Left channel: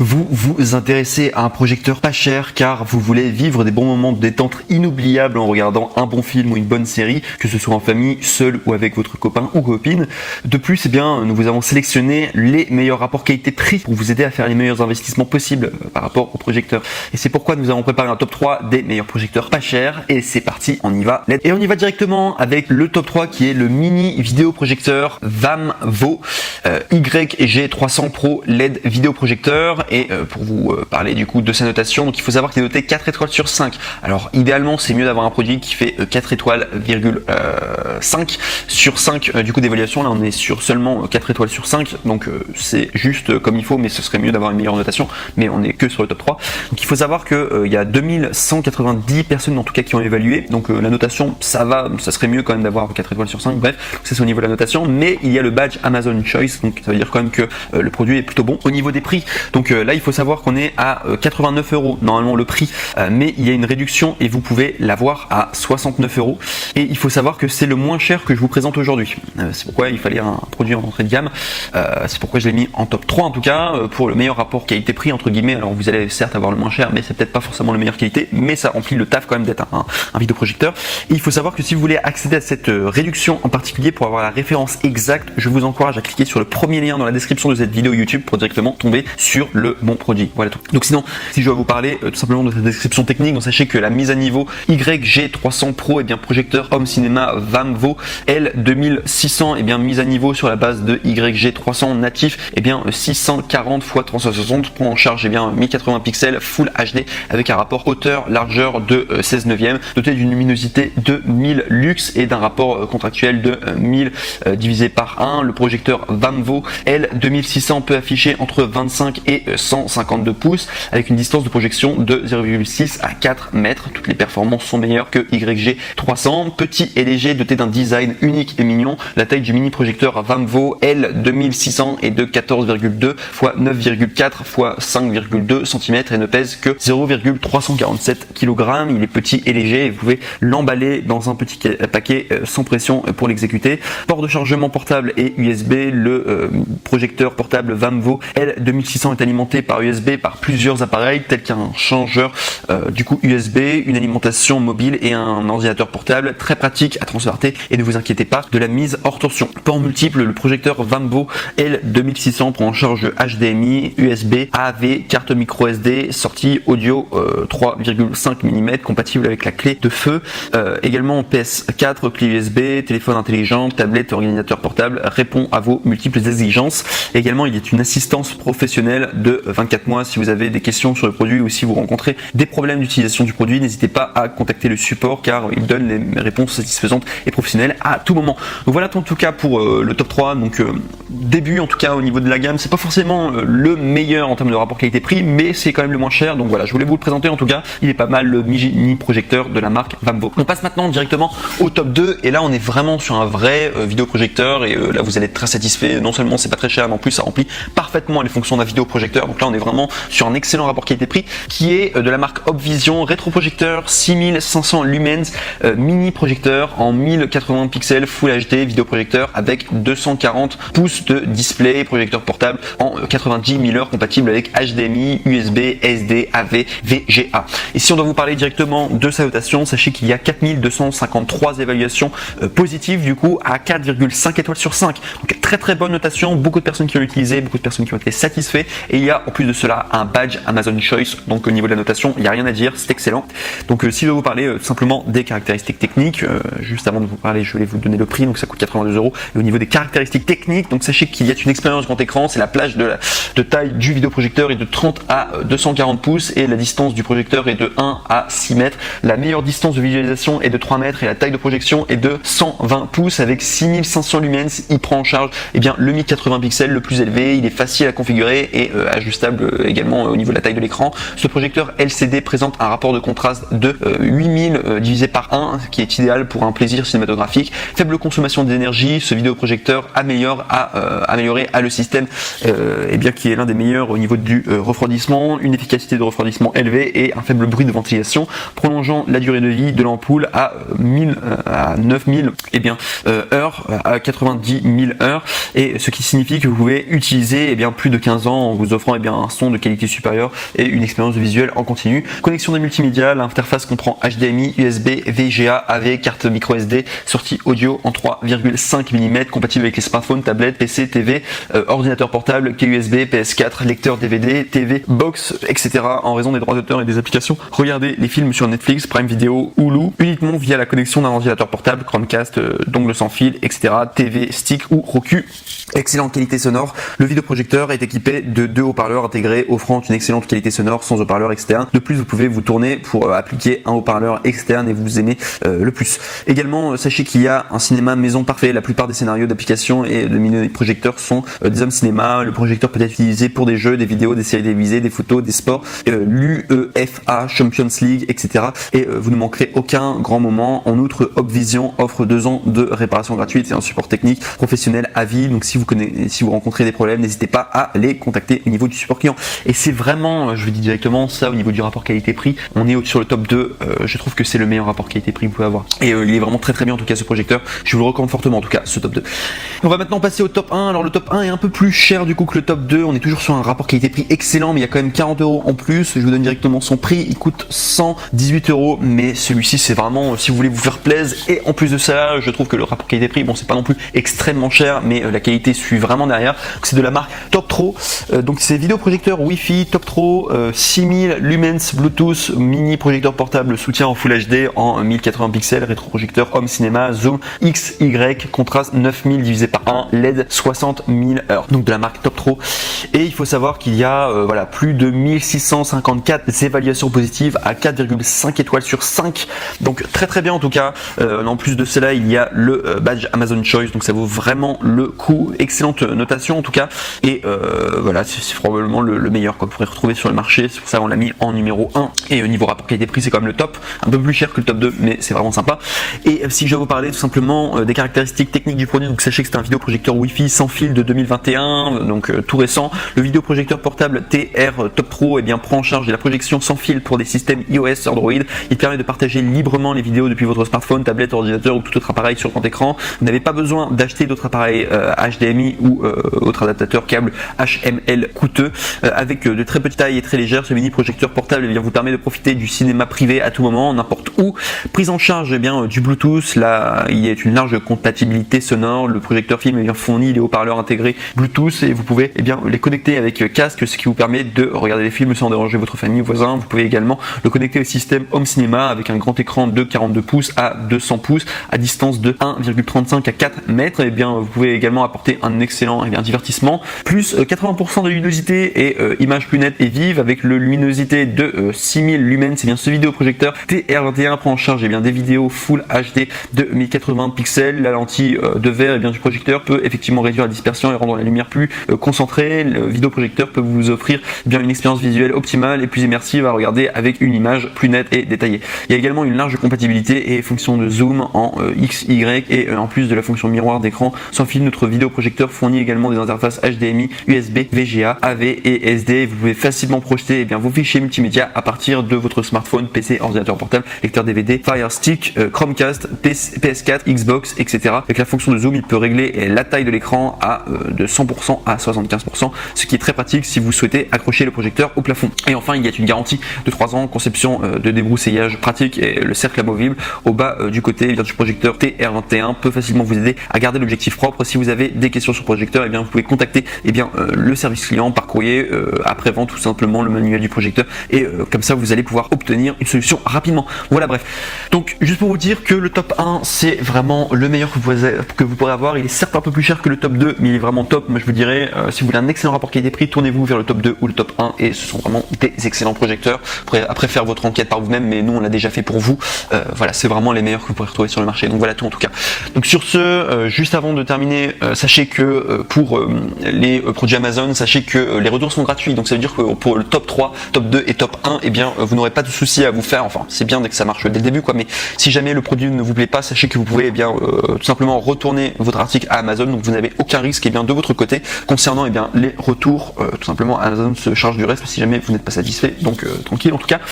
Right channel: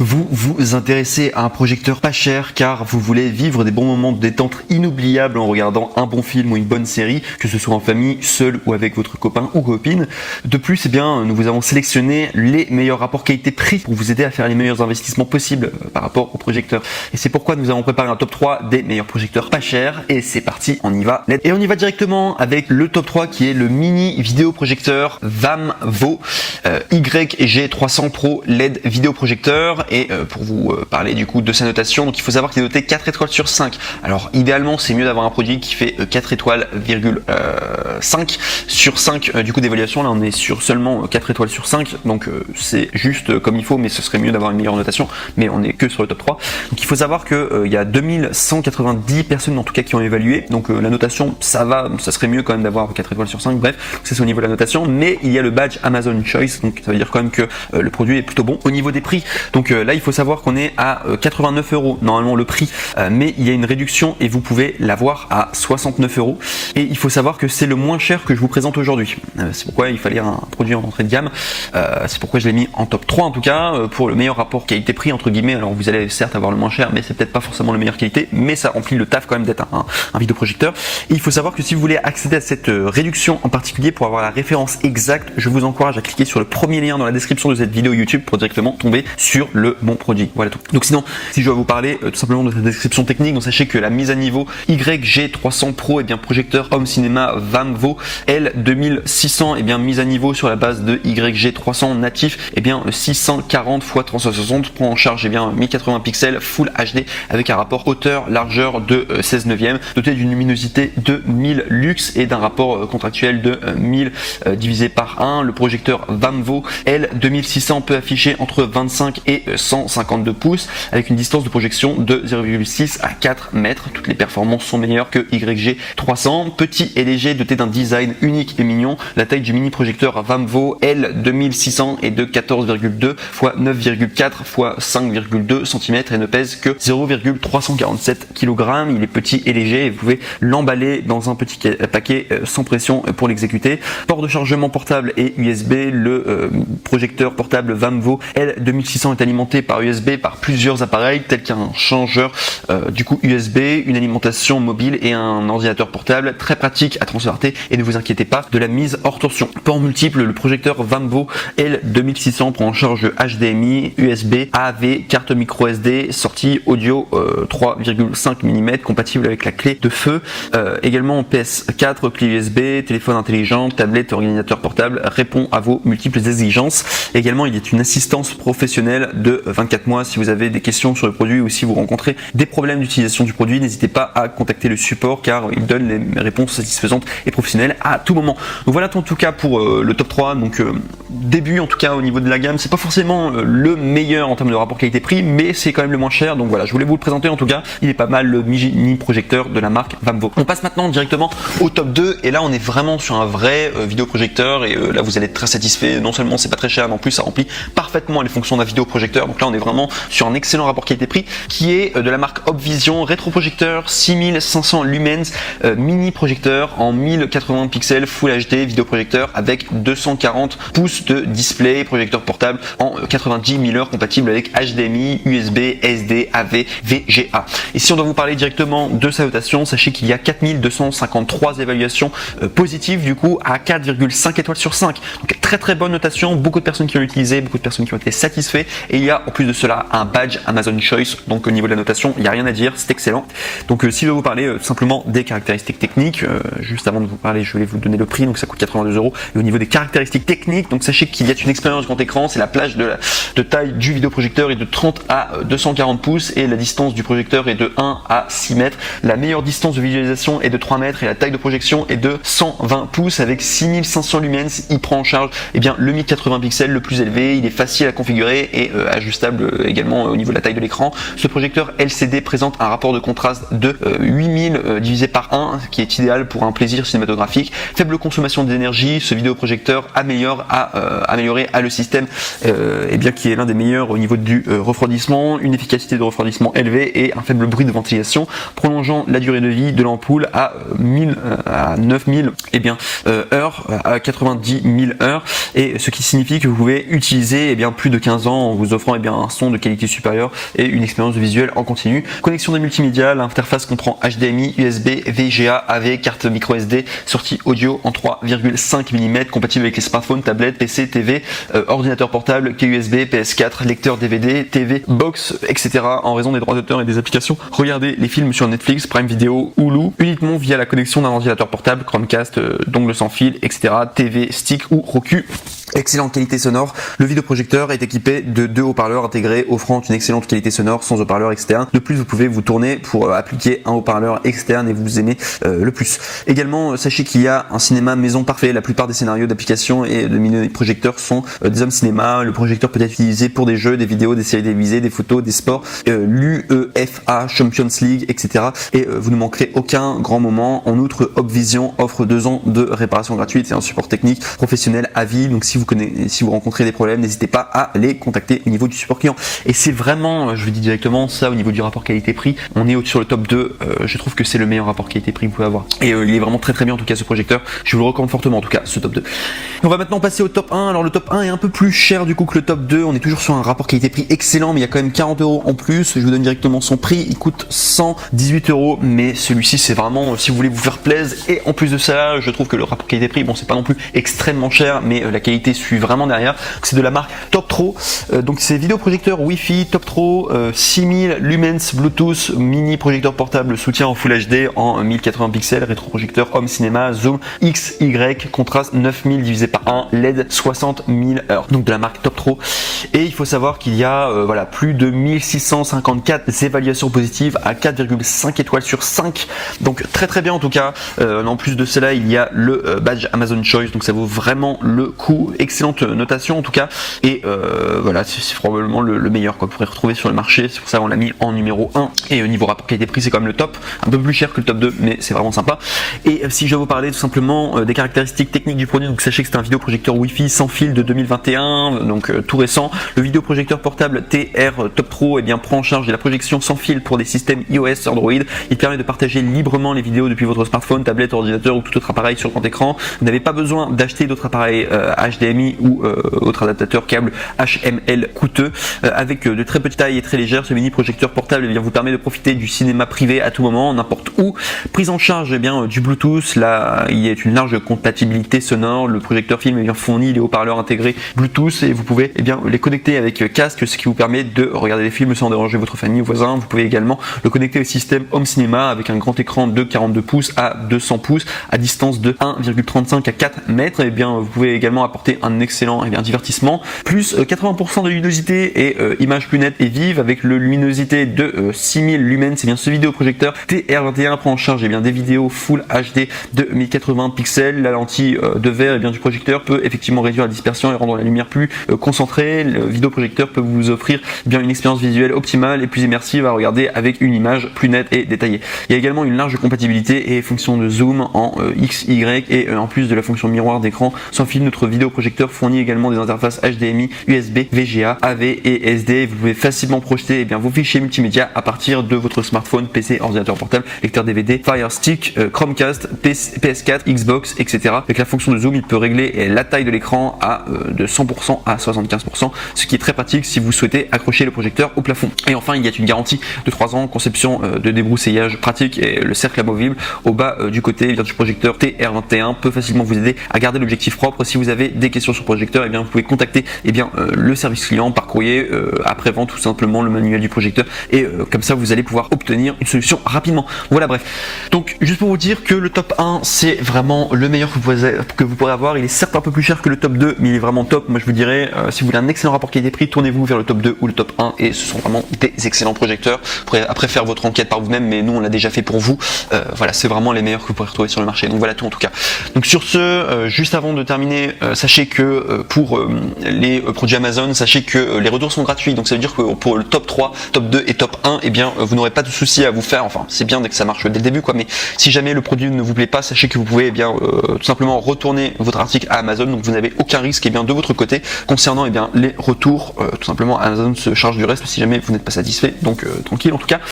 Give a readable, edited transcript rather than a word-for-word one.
Vous vous intéressez à un projecteur pas cher car vous voulez vivre des bons moments de détente inoubliables en regardant un bon film ou une bonne série, que ce soit en famille, seul ou avec votre copain ou copine. De plus, nous vous avons sélectionné les meilleurs rapports qualité-prix pour vous aider à faire les meilleurs investissements possibles par rapport au projecteur. Et c'est pourquoi nous avons préparé un top 3 des meilleurs projecteurs pas chers. Et c'est parti, on y va. Et on y va directement avec le top 3 qui est le mini vidéoprojecteur VAMVO YG300 Pro LED vidéoprojecteur. Et pour vous parler du coup de sa notation, donc il faut savoir qu'il est noté 4 étoiles sur 5. Alors idéalement c'est mieux d'avoir un produit qui fait 4 étoiles,5 sur 5 du coup d'évaluation. Là on est sur seulement 4 étoiles sur 5, donc c'est juste comme il faut, mais ce serait mieux d'avoir une meilleure notation, mais on est que sur le top 3. Donc il faut savoir que il y a 2190 personnes en tout cas qui ont évalué, donc la notation ça va, ça serait mieux quand même d'avoir 4 étoiles sur 5, bref, ça c'est au niveau de la notation, mais il y a le badge Amazon Choice, donc ça veut dire quand même que le produit est plutôt bon. Au niveau des prix, donc là il faut savoir qu'on est à 89 € normalement le prix, mais il y a une réduction et vous pouvez l'avoir à 69 €. Et il faut savoir que c'est le moins cher que je vous présente aujourd'hui. C'est pourquoi il fallait un produit en entrée de gamme. C'est pourquoi je l'ai mis en top 3 en tout cas, pour le meilleur rapport qualité-prix entre guillemets. Alors vous allez certes avoir le moins cher, mais c'est peut-être pas forcément la meilleure qualité, mais ça remplit le taf quand même d'être un vidéoprojecteur. Et il faut savoir que si vous voulez accéder à cette réduction en particulier pour avoir la référence exacte, je vous encourage à cliquer sur le premier lien dans la description de cette vidéo YouTube pour directement tomber sur le bon produit. Voilà tout. Donc sinon, si je vais vous parler tout simplement de cette description technique, donc sachez que la mise à niveau YG300 Pro, projecteur Home Cinéma VAMVO L2600, mise à niveau sur la base de YG300 natif, le 640 x 360 prend en charge 1080 pixels Full HD avec un rapport hauteur largeur de 16 neuvième, doté d'une luminosité de 1000 lux et d'un rapport contractuel de 1000 divisé par 1. Le projecteur VAMVO L2600 peut afficher entre 25 et 152 pouces avec une distance de projection de 0,6 à 4 mètres. Toutes les performances sont meilleures que YG300. Petit et léger, doté d'un design unique et mignon, la taille du mini projecteur VAMVO L2600 est de 14,2 x 9,4 x 5,2 cm et ne pèse que 0,347 kg. Il est petit et léger et vous pouvez l'emballer dans un petit paquet sans pression pour l'exécuter. Port de chargement portable et USB. Le projecteur portable VAMVO L2600 est alimenté par USB par plusieurs appareils tels qu'un changeur USB, une alimentation mobile et un ordinateur portable, très pratique à transporter. Et ne vous inquiétez pas de la mise hors torsion. Port multiple, le projecteur VAMVO L2600 prend en charge le HDMI, USB, AV, carte micro SD, sortie audio 3,5 mm compatible avec la clé de feu. Également PS4, clé USB, téléphone intelligent, tablette, ordinateur portable, répond à vos multiples exigences. Également, il y a une assistance professionnelle de 24 mois si vous avez des questions sur le produit ou si vous rencontrez des problèmes d'utilisation du produit. N'hésitez pas à contacter le support car il donne les réponses satisfaisantes et professionnelles à tout moment. Donc voilà en tout cas pour le top 3. Donc début en tout cas au niveau de la gamme, c'est pas forcément le meilleur en termes de rapport qualité-prix, mais c'est quand même le moins cher. Donc voilà, je voulais vous le présenter en tout cas. Il est pas mal le mini projecteur de la marque VAMVO. On passe maintenant directement au top 2 et là on est vraiment sur un vrai vidéoprojecteur et là vous allez être très satisfait. Non seulement c'est pas très cher, mais en plus ça remplit parfaitement les fonctions d'un vidéoprojecteur. Donc là on est vraiment sur un excellent rapport qualité-prix qui est de la marque Opvision rétroprojecteur 6500 lumens mini projecteur en 1080 pixels Full HD vidéoprojecteur avec 240 pouces de display, projecteur portable en 90 000 heures compatible avec HDMI, USB, SD, AV, VGA. Et si on doit vous parler directement de sa notation, sachez qu'il y a 4253 évaluations positives du coup à 4,5 étoiles sur 5. Donc très très bonne notation, beaucoup de personnes qui l'ont utilisé, beaucoup de personnes qui ont été satisfaites et il y a en plus de cela un badge Amazon Choice. Donc au niveau de la notation, il n'y a rien à dire, c'est excellent. Donc si je dois vous parler tout simplement des caractéristiques techniques, juste avant de vous parler, je voulais vous donner le prix, donc ça coûte 82 €. Et au niveau des caractéristiques techniques, donc sachez qu'il y a une expérience grand écran, c'est la plage de taille du vidéoprojecteur est de 30 à 240 pouces et la distance du projecteur est de 1 à 6 mètres. La meilleure distance de visualisation est de 3 mètres et la taille de projection est de 120 pouces avec 6500 lumens. Il prend en charge le 1080 pixels le plus élevé, il est facile à configurer et ajustable également au niveau de la taille de l'écran. Ce projecteur LCD présente un rapport de contraste de 8000 divisé par 1 qui est idéal pour un plaisir cinématographique. Faible consommation d'énergie, ce vidéoprojecteur amélioré à le système qui est l'un des meilleurs au niveau du refroidissement, une efficacité de refroidissement élevée et un faible bruit de ventilation, prolongeant la durée de vie de l'ampoule à 9000 heures, à 90 000 heures, et ce qui signifie que vous pouvez utiliser plus de 15 ans en vous offrant offrant un son de qualité supérieure et une expérience visuelle en continu. Connexion de multimédia, l'interface comprend HDMI, USB, VGA, AV, carte micro SD, sortie audio en 3,5 mm, compatible avec les smartphones, tablettes, PC, TV, ordinateur portable, clé USB, PS4, lecteur DVD, TV, box, etc. En raison des droits d'auteur et des applications. Regardez les films sur Netflix, Prime Video, Hulu, uniquement via la connexion d'un ordinateur portable, Chromecast, dongle sans fil, etc. TV, stick ou Roku. Excellente qualité sonore. Le vidéoprojecteur est équipé de 2 haut-parleurs intégrés, offrant une excellente qualité sonore sans haut-parleur externe. De plus, vous pouvez vous tourner pour appliquer un haut-parleur externe et vous aimez le plus. Également, sachez qu'il y a un cinéma maison parfait. La plupart des scénarios d'application et de mini-projecteurs sont des home cinéma. Le projecteur peut être utilisé pour des jeux, des vidéos, des séries télévisées, des photos, des sports, l'UEFA, Champions League, etc. Et vous ne manquerez aucun grand moment. En outre, Opvision offre 2 ans de réparation gratuite. C'est un support technique professionnel à vie. Donc si vous rencontrez des problèmes, n'hésitez pas à les contacter au niveau du support client. Et c'est vraiment, je vous dis directement, ça au niveau du rapport qualité-prix, on est sur le top 2. Je trouve que c'est le meilleur rapport qualité-prix que vous pouvez avoir. Et il est vraiment très très bien en tout cas ce projecteur. Je vous le recommande fortement en tout cas, ce top 2. On va maintenant passer au top 1. Alors le top 1 est un peu plus cher du coup que le top 2. On est toujours sur un rapport qualité-prix excellent, mais il y a quand même 40 € en plus. Je vous donne directement son prix. Il coûte 118 €. Mais celui-ci, c'est vraiment si vous voulez vous faire plaisir. Et en plus de ça, je trouve que le rapport qualité-prix, bon, c'est pas non plus extrêmement cher, mais la qualité suit vraiment derrière. C'est de la marque Toptro. Donc c'est vidéoprojecteur Wi-Fi Toptro 6000 lumens Bluetooth mini projecteur portable soutien en Full HD en 1080 pixels, rétroprojecteur home cinéma zoom XY, contraste 9000 divisé par 1, LED 60 000 heures. Donc de la marque Toptro. Et il faut savoir qu'il y a plus de 1654 évaluations positives à 4,5 étoiles sur 5. Donc très très bien en tout cas. En plus de cela, il y a le badge Amazon Choice, donc ça vaut vraiment le coup. Excellente notation en tout cas. Et c'est probablement le meilleur qu'on pourrait retrouver sur le marché. C'est pour ça qu'on l'a mis en numéro 1. Et au niveau rapport qualité-prix, c'est quand même le top. Un peu plus cher que le top 2, mais c'est vraiment sympa. Et si je vais vous parler tout simplement des caractéristiques techniques du produit, donc sachez que c'est un vidéoprojecteur Wi-Fi sans fil de 2021, donc tout récent. Le vidéoprojecteur portable TR Toptro prend en charge de la projection sans fil pour des systèmes iOS, Android. Il permet de partager librement les vidéos depuis votre smartphone, tablette, ordinateur ou tout autre appareil sur grand écran. Vous n'avez pas besoin d'acheter d'autres appareils HDMI ou autre adaptateur câble HML coûteux. Avec de très petites tailles et très légères, ce mini projecteur portable vous permet de profiter du cinéma privé à tout moment, n'importe où. Prise en charge du Bluetooth. Là, il y a une large compatibilité sonore. Le projecteur film fournit les haut-parleurs intégrés Bluetooth et vous pouvez les connecter avec casque, ce qui vous permet de regarder des films sans déranger votre famille ou voisin. Vous pouvez également le connecter au système Home Cinéma avec un grand écran de 42 pouces à 200 pouces à distance de 1,35 à 4 mètres. Vous pouvez également apporter un excellent divertissement. Plus 80% de luminosité et image plus nette et vive avec le luminosité de 6000 lumens. C'est bien ce vidéoprojecteur TR21 prend en charge des vidéos Full HD de 1080 pixels. La lentille de verre du projecteur peut effectivement réduire la dispersion et rendre la lumière plus concentrée. Le vidéoprojecteur peut vous offrir une expérience visuelle optimale et plus immersive à regarder avec une image plus nette et détaillée. Il y a également une large compatibilité et fonction de zoom en XY et en plus de la fonction miroir d'écran sans fil, notre vidéoprojecteur fournit également des interfaces HDMI, USB, VGA, AV et SD. Vous pouvez facilement projeter vos fichiers multimédia à partir de votre smartphone, PC, ordinateur portable, lecteur DVD, Fire Stick, Chromecast, PS4, Xbox, etc. Avec la fonction de zoom, il peut régler la taille de l'écran de 100% à 75%, ce qui est très pratique si vous souhaitez accrocher le projecteur au plafond. Et enfin, il y a une garantie de 3 ans, conception de débroussaillage pratique et le cercle amovible au bas du côté du projecteur TR21 peut facilement vous aider à garder l'objectif propre. Si vous avez des questions sur le projecteur, vous pouvez contacter le service client par courrier après-vente, tout simplement le manuel du projecteur, et comme ça vous allez pouvoir obtenir une solution rapidement. Voilà, bref. Donc juste pour vous dire que le top 1 c'est vraiment le meilleur que vous pourrez avoir. Il est certes un peu plus cher que le top 2, mais il est vraiment top. Moi je vous dirais, si vous voulez un excellent rapport qualité-prix, tournez-vous vers le top 2 ou le top 1, et ce sont vraiment des excellents projecteurs. Vous pourrez après faire votre enquête par vous-même, mais nous on l'a déjà fait pour vous. C'est vraiment les meilleurs que vous pourrez retrouver sur le marché. Donc voilà tout en tout cas. Donc sur ce, juste avant de terminer, sachez que pour les produits Amazon, sachez que les retours sont gratuits. Donc ça veut dire que pour le top 3, top 2 et top 1, vous n'aurez pas de soucis à vous faire. Enfin, c'est bien dès que ça marche dès le début, mais si jamais le produit ne vous plaît pas, sachez que vous pouvez tout simplement retourner votre article à Amazon. Donc vous n'avez aucun risque de votre côté concernant les retours. Tout simplement, Amazon se charge du reste si jamais vous n'êtes pas satisfait. Donc tranquille en tout cas.